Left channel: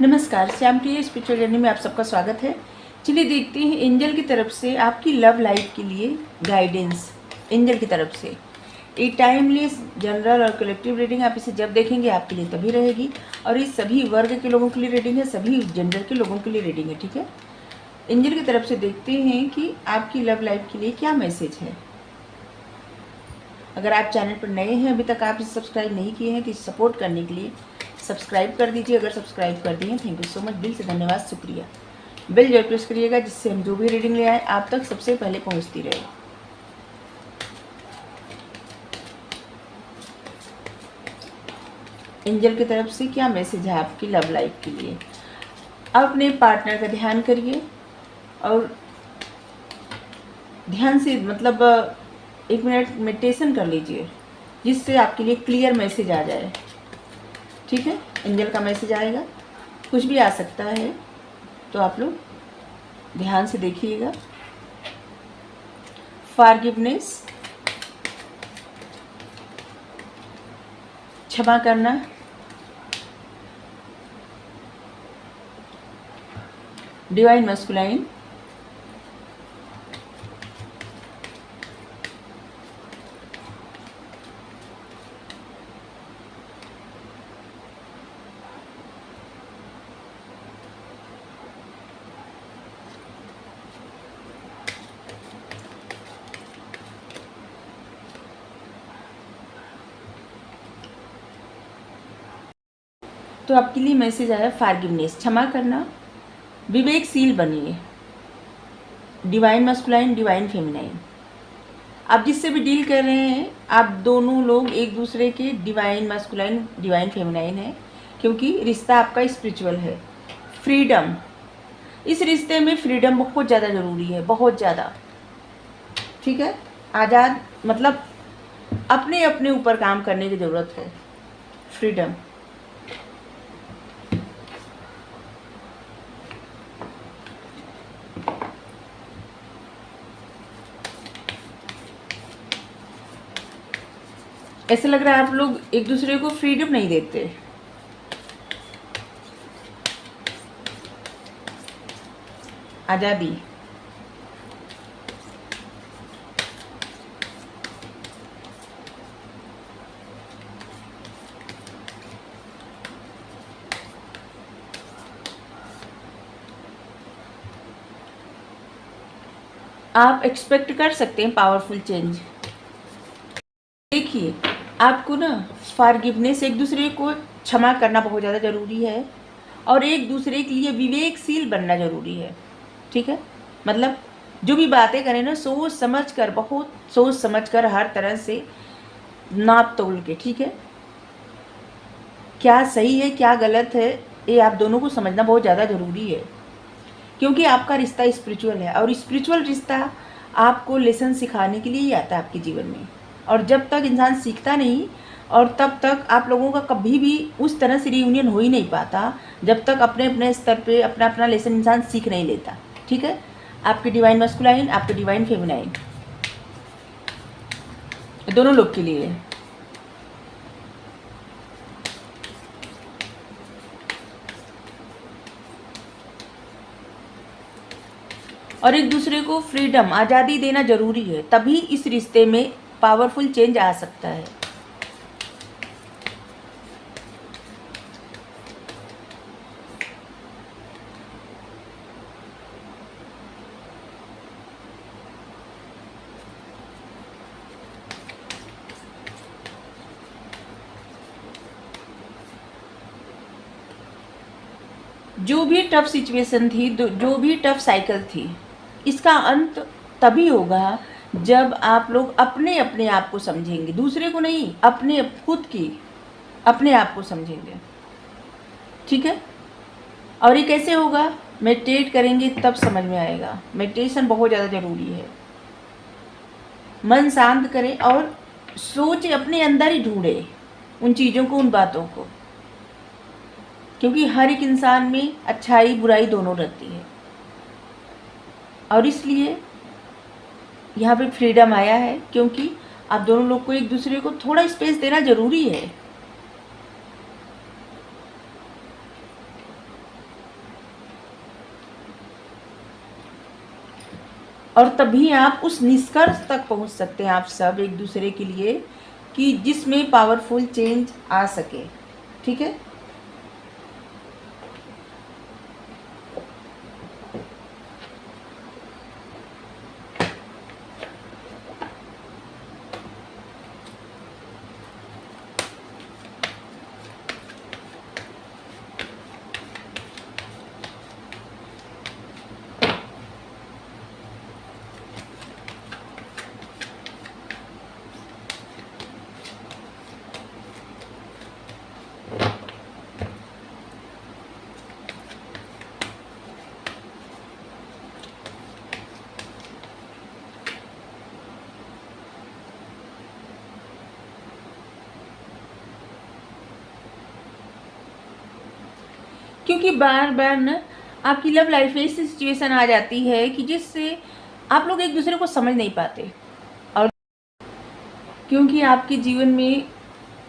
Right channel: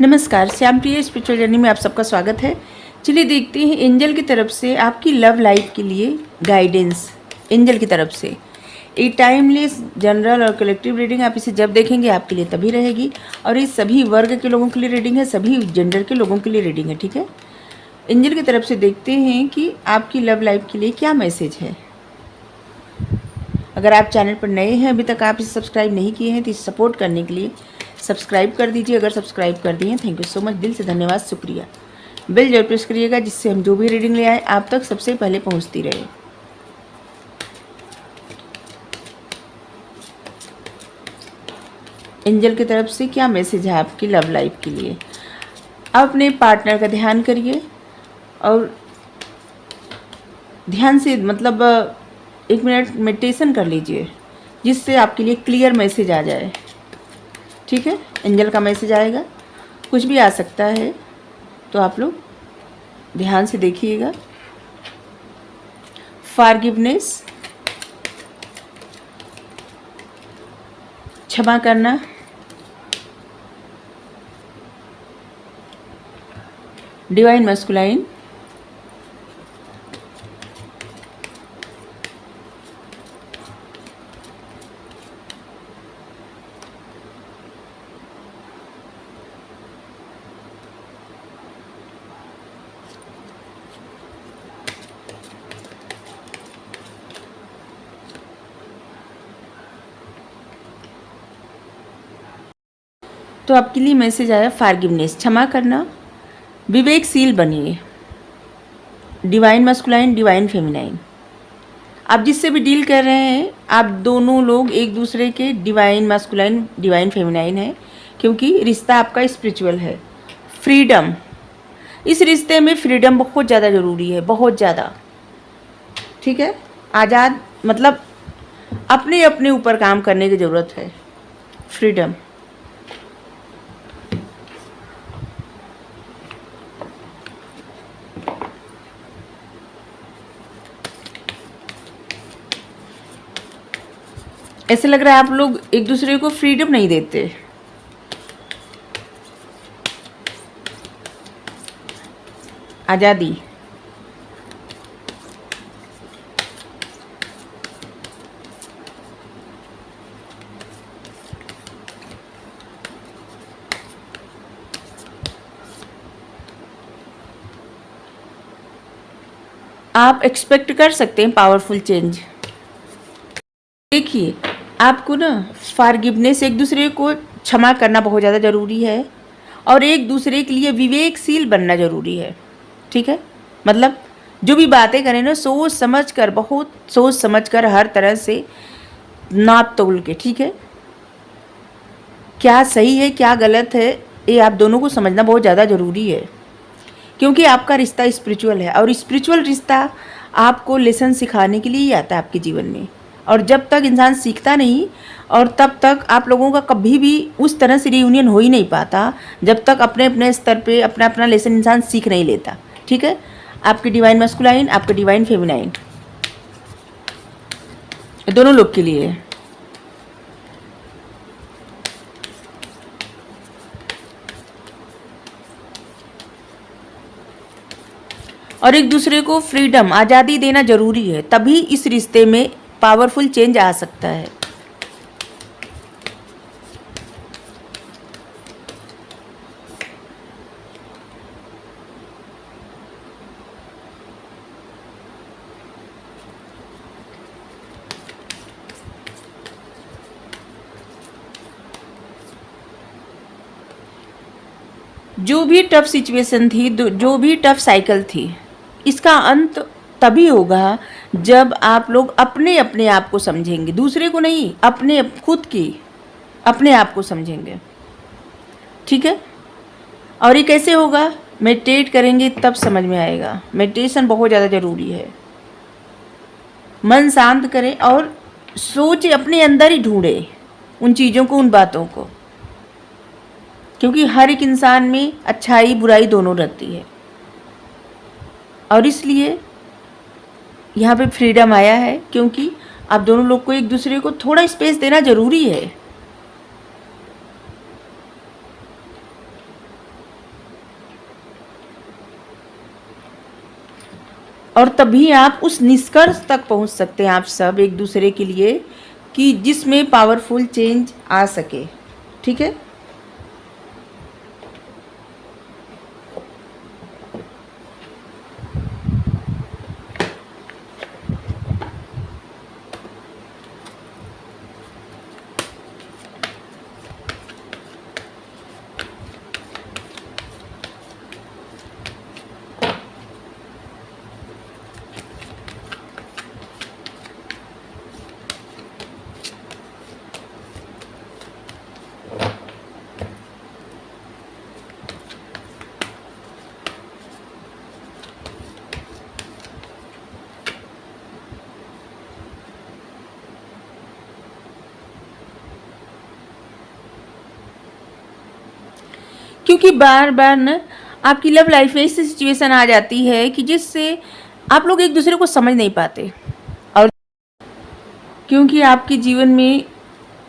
नमस्कार, श्याम प्रिय spiritual journey में आप सबका स्वागत है। चलिए देखते हैं एंजल की तरफ से आपकी लव लाइफ के लिए गाइडेंस। एंजल की तरफ से ये टाइमलेस जनरल और कलेक्टिव रीडिंग, आप इसे जब देखेंगे आपके लिए तभी रहेगी। और ये सभी वर्ग के लोगों के लिए रीडिंग है, सभी जेंडर के लोगों के लिए रीडिंग है, ठीक है। एंजल की तरफ से देखते हैं कि आपकी लव लाइफ के लिए क्या मैसेज है। अगर आप चैनल पर नए हैं, अभी तक आप इसे सब्सक्राइब नहीं किए हैं, तो इसे सपोर्ट करने के लिए सब्सक्राइब कर दीजिए। अगर सब्सक्राइब कर दिए हैं, थैंक यू सो मच, दिल से धन्यवाद, शुक्रिया। बेल जरूर प्रेस करिएगा, जिससे हम जो भी रीडिंग ले आए आप तक सबसे पहले पहुंचती रहे। एंजल की तरफ से क्या मैसेज है आपकी लव लाइफ के लिए। आप अपने पार्टनर का ध्यान करिए और ध्यान से मतलब 1 मिनट मेडिटेशन कर लीजिए, जिससे आपके लिए क्लियर मैसेज आ जाए, ठीक है। एंजल का मैसेज आएगा, कुछ भी आ सकता है, तो आप लोग ध्यान से देखिएगा। फॉरगिवनेस, क्षमा करना, डिवाइन मस्कुलाइन, तो आपके लिए मैसेज आया फॉरगिवनेस, क्षमा करना, विवेकशील बनिए, डिवाइन मस्कुलाइन, डिवाइन फेमिनाइन। आप जिससे भी डील कर रहे हैं, आप दोनों लोग एक दूसरे के डिवाइन मस्कुलाइन, डिवाइन फेमिनाइन है, क्योंकि रिश्ता आपका स्पिरिचुअल है। फ्रीडम, इस रिश्ते में फ्रीडम बहुत ज़्यादा ज़रूरी है, बहुत ज़्यादा, ठीक है। आज़ाद मतलब अपने अपने ऊपर काम करने की ज़रूरत है। फ्रीडम, ऐसे लग रहा है आप लोग एक दूसरे को फ्रीडम नहीं देते। आज़ादी, आप एक्सपेक्ट कर सकते हैं पावरफुल चेंज। देखिए, आपको ना फॉरगिवनेस, एक दूसरे को क्षमा करना बहुत ज़्यादा ज़रूरी है, और एक दूसरे के लिए विवेकशील बनना ज़रूरी है, ठीक है। मतलब जो भी बातें करें ना, सोच समझ कर, बहुत सोच समझ कर, हर तरह से नाप तोल के, ठीक है। क्या सही है क्या गलत है, ये आप दोनों को समझना बहुत ज़्यादा ज़रूरी है, क्योंकि आपका रिश्ता स्पिरिचुअल है, और स्पिरिचुअल रिश्ता आपको लेसन सिखाने के लिए ही आता है आपके जीवन में। और जब तक इंसान सीखता नहीं, और तब तक आप लोगों का कभी भी उस तरह से रियूनियन हो ही नहीं पाता, जब तक अपने अपने स्तर पे अपना अपना लेसन इंसान सीख नहीं लेता, ठीक है। आपकी डिवाइन मस्कुलाइन, आपके डिवाइन फेमिनाइन, दोनों लोग के लिए। और एक दूसरे को फ्रीडम, आज़ादी देना जरूरी है, तभी इस रिश्ते में पावरफुल चेंज आ सकता है। जो भी टफ सिचुएशन थी, जो भी टफ साइकिल थी, इसका अंत तभी होगा जब आप लोग अपने अपने आप को समझेंगे, दूसरे को नहीं, अपने खुद की अपने आप को समझेंगे, ठीक है। और ये कैसे होगा? मेडिटेट करेंगे तब समझ में आएगा। मेडिटेशन बहुत ज़्यादा ज़रूरी है। मन शांत करें और सोचे, अपने अंदर ही ढूंढे उन चीज़ों को, उन बातों को, क्योंकि हर एक इंसान में अच्छाई बुराई दोनों रहती है, और इसलिए यहाँ पे फ्रीडम आया है, क्योंकि आप दोनों लोग को एक दूसरे को थोड़ा स्पेस देना ज़रूरी है। और तभी आप उस निष्कर्ष तक पहुंच सकते हैं आप सब एक दूसरे के लिए कि जिसमें पावरफुल चेंज आ सके। ठीक है। क्योंकि बार बार ना आपकी लव लाइफ में ऐसी सिचुएशन आ जाती है कि जिससे आप लोग एक दूसरे को समझ नहीं पाते, और क्योंकि आपके जीवन में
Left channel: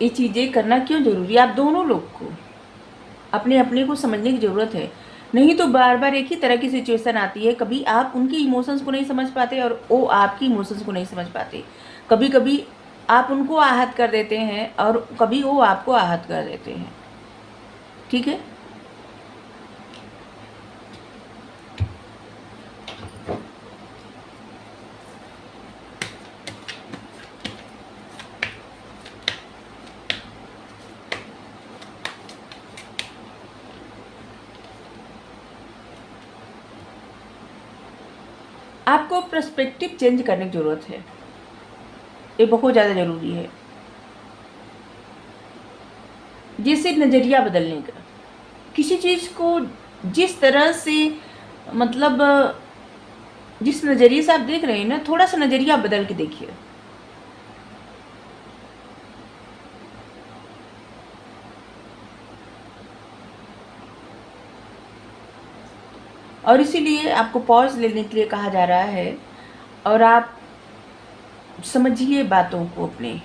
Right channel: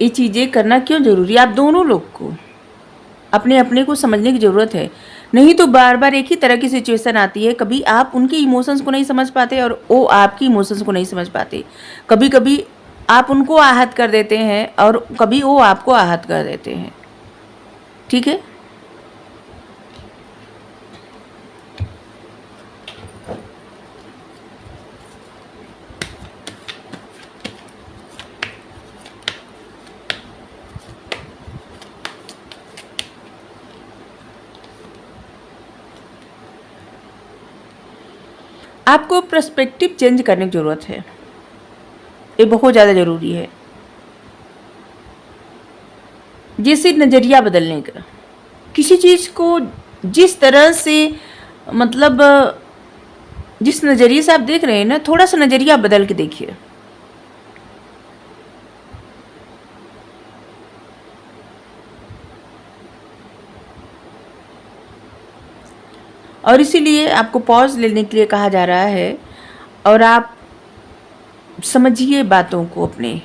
ये चीज़ें करना क्यों ज़रूरी है, आप दोनों लोग को अपने अपने को समझने की ज़रूरत है। नहीं तो बार बार एक ही तरह की सिचुएशन आती है, कभी आप उनके इमोशंस को नहीं समझ पाते और वो आपकी इमोशंस को नहीं समझ पाते। कभी कभी आप उनको आहत कर देते हैं और कभी वो आपको आहत कर देते हैं। ठीक है। आपको पर्सपेक्टिव चेंज करने की ज़रूरत है, ये बहुत ज़्यादा ज़रूरी है। जैसे नज़रिया बदलने का, किसी चीज़ को जिस तरह से मतलब जिस नज़रिए से आप देख रहे हैं ना, थोड़ा सा नज़रिया बदल के देखिए। और इसीलिए आपको पॉज लेने के लिए कहा जा रहा है, और आप समझिए बातों को अपने,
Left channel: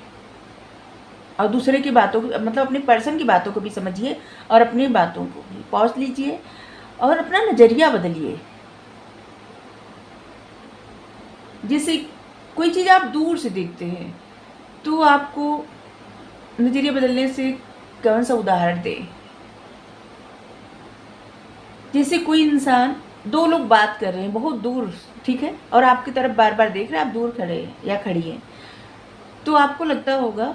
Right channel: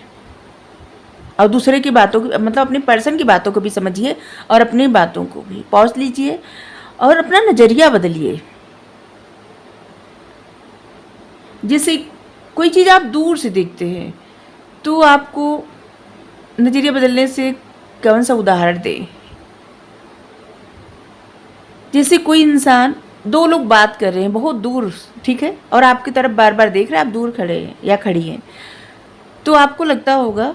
और दूसरे की बातों को, मतलब अपने पर्सन की बातों को भी समझिए और अपनी बातों को भी पॉज लीजिए और अपना नज़रिया बदलिए। जैसे कोई चीज़ आप दूर से देखते हैं तो आपको नज़रिया बदलने से कौन सा उदाहरण दे। जैसे कोई इंसान, दो लोग बात कर रहे हैं बहुत दूर, ठीक है, और आपकी तरफ बार बार देख रहे हैं, आप दूर खड़े हैं या खड़ी हैं, तो आपको लगता होगा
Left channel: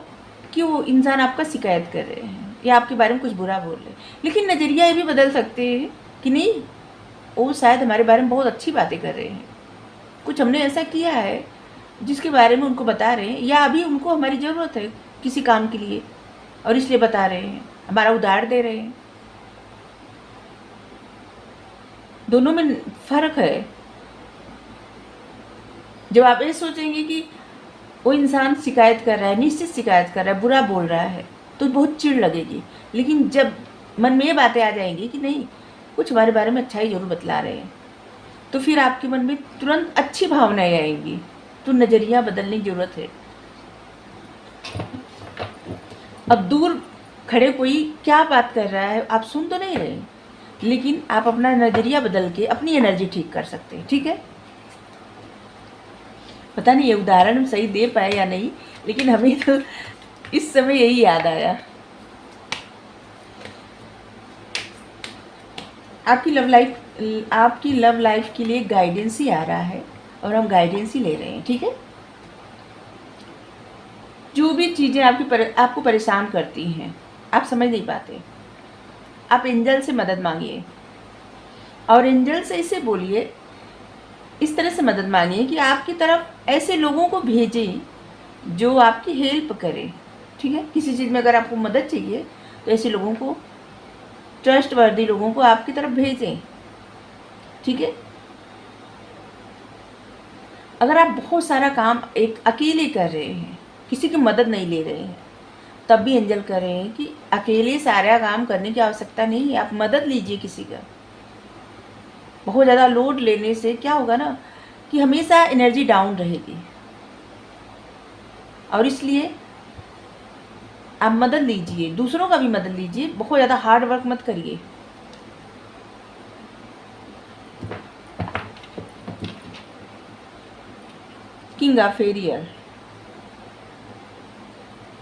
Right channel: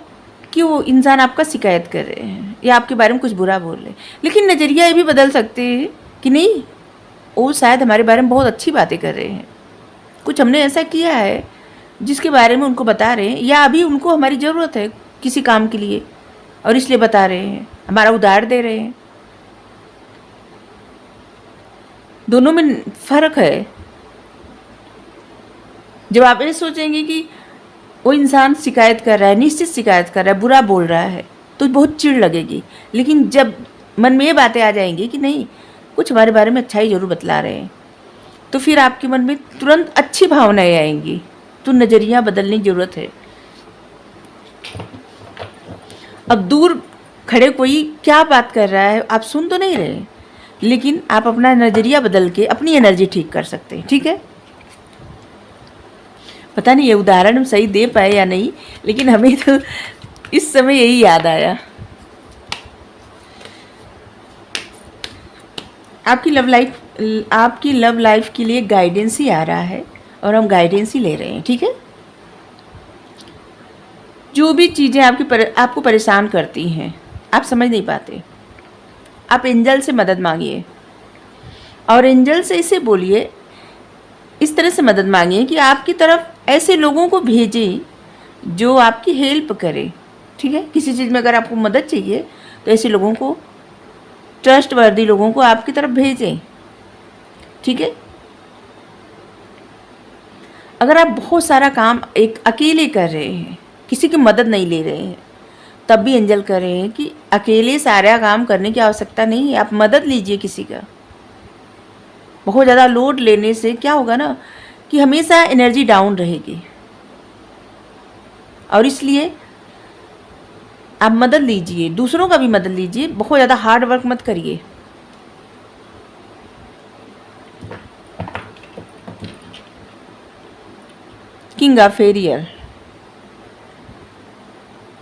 कि वो इंसान आपका शिकायत कर रहे हैं या आपके बारे में कुछ बुरा बोल रहे हैं। लेकिन नज़रिया ये भी बदल सकते हैं कि नहीं, वो शायद हमारे बारे में बहुत अच्छी बातें कर रहे हैं, कुछ हमने ऐसा किया है जिसके बारे में उनको बता रहे हैं, या अभी उनको हमारी ज़रूरत है किसी काम के लिए और इसलिए बता रहे हैं, हमारा उधार दे रहे हैं। दोनों में फ़र्क है। जब आप ये सोचेंगे कि वो इंसान शिकायत कर रहा है, निश्चित शिकायत कर रहा है, बुरा बोल रहा है, तो बहुत चिढ़ लगेगी। लेकिन जब मन में ये बातें आ जाएंगी कि नहीं, कुछ हमारे बारे में अच्छा ही जरूर बतला रहे हैं, तो फिर आपके मन में तुरंत अच्छी भावनाएं आएंगी। तो नज़रिया बदलने की ज़रूरत है। अब दूर खड़े कोई क्या बात कर रहा है आप सुन तो नहीं रहे, लेकिन आप अपना नज़रिया बदल के अपनी एनर्जी ठीक कर सकते हैं। ठीक है। पता नहीं ये उदाहरण हम सही दे पाए या नहीं, लेकिन हमें तो इस समय यही याद आया। आपकी लव लाइफ के लिए गाइडेंस ही आ रहा है और हम गाइडेंस ही ले रहे हैं। ठीक है। जो भी चीज़ें आपको परेशान करती हैं, आप समझ नहीं पाते, आप एंजल से मदद मांगिए और एंजल से इसे बोलिए, इस तरह से मदद मांगिए कि आपकी तरफ ऐसे लोगों को भेजें जो आपकी हेल्प करें। ठीक है। किसी चीज़ में अगर आपको मदद चाहिए तो ऐसे लोगों को, ट्रस्टवर्दी लोगों को आपकी तरफ भेजें। ठीक है। अगर आप बहुत सारा काम एक अकेले कर रहे हैं, किसी की मदद नहीं ले रहे हैं, तब भी एंजल कर रहे हैं कि अकेले सारा काम करने की आवश्यकता नहीं है, आप मदद लीजिए किसी का। बहुत ज़्यादा लोड लेने से क्या होगा ना कि हमेशा एनर्जी डाउन रहेगी, और इसलिए आप मदद लीजिए, दूसरों का भी मदद लीजिए, बहुत ज़्यादा हार्ड वर्क मत करिए। King of aerial.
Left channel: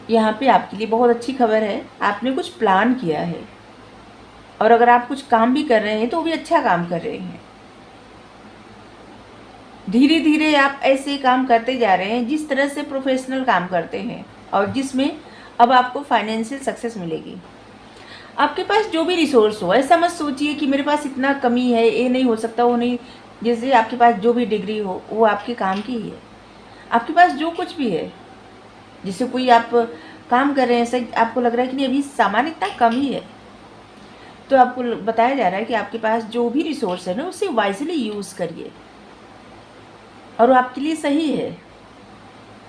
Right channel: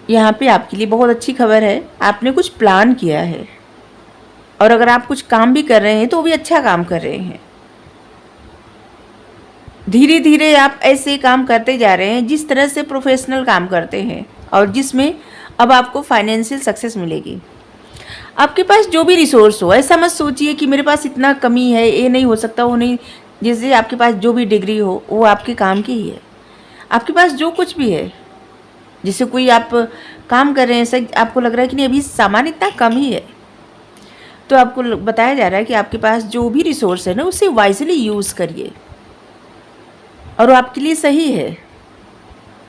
यहाँ पे आपके लिए बहुत अच्छी खबर है, आपने कुछ प्लान किया है और अगर आप कुछ काम भी कर रहे हैं तो वो भी अच्छा काम कर रहे हैं। धीरे धीरे आप ऐसे काम करते जा रहे हैं जिस तरह से प्रोफेशनल काम करते हैं और जिसमें अब आपको फाइनेंशियल सक्सेस मिलेगी। आपके पास जो भी रिसोर्स हो, ऐसा मत सोचिए कि मेरे पास इतना कमी है, ये नहीं हो सकता, वो नहीं। जैसे आपके पास जो भी डिग्री हो वो आपके काम की ही है। आपके पास जो कुछ भी है, जैसे कोई आप काम कर रहे हैं, ऐसा आपको लग रहा है कि नहीं अभी सामान इतना कम ही है, तो आपको बताया जा रहा है कि आपके पास जो भी रिसोर्स है ना उसे वाइजली यूज़ करिए और वो आपके लिए सही है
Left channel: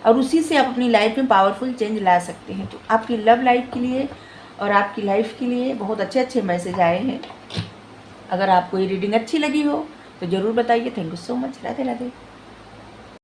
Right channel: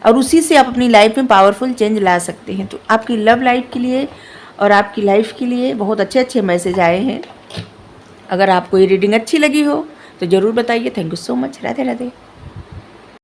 और उसी से आप अपनी लाइफ में पावरफुल चेंज ला सकते हैं। तो आपकी लव लाइफ के लिए और आपकी लाइफ के लिए बहुत अच्छे अच्छे मैसेज आए हैं। अगर आपको ये रीडिंग अच्छी लगी हो तो ज़रूर बताइए। Thank you so much. Radhe Radhe.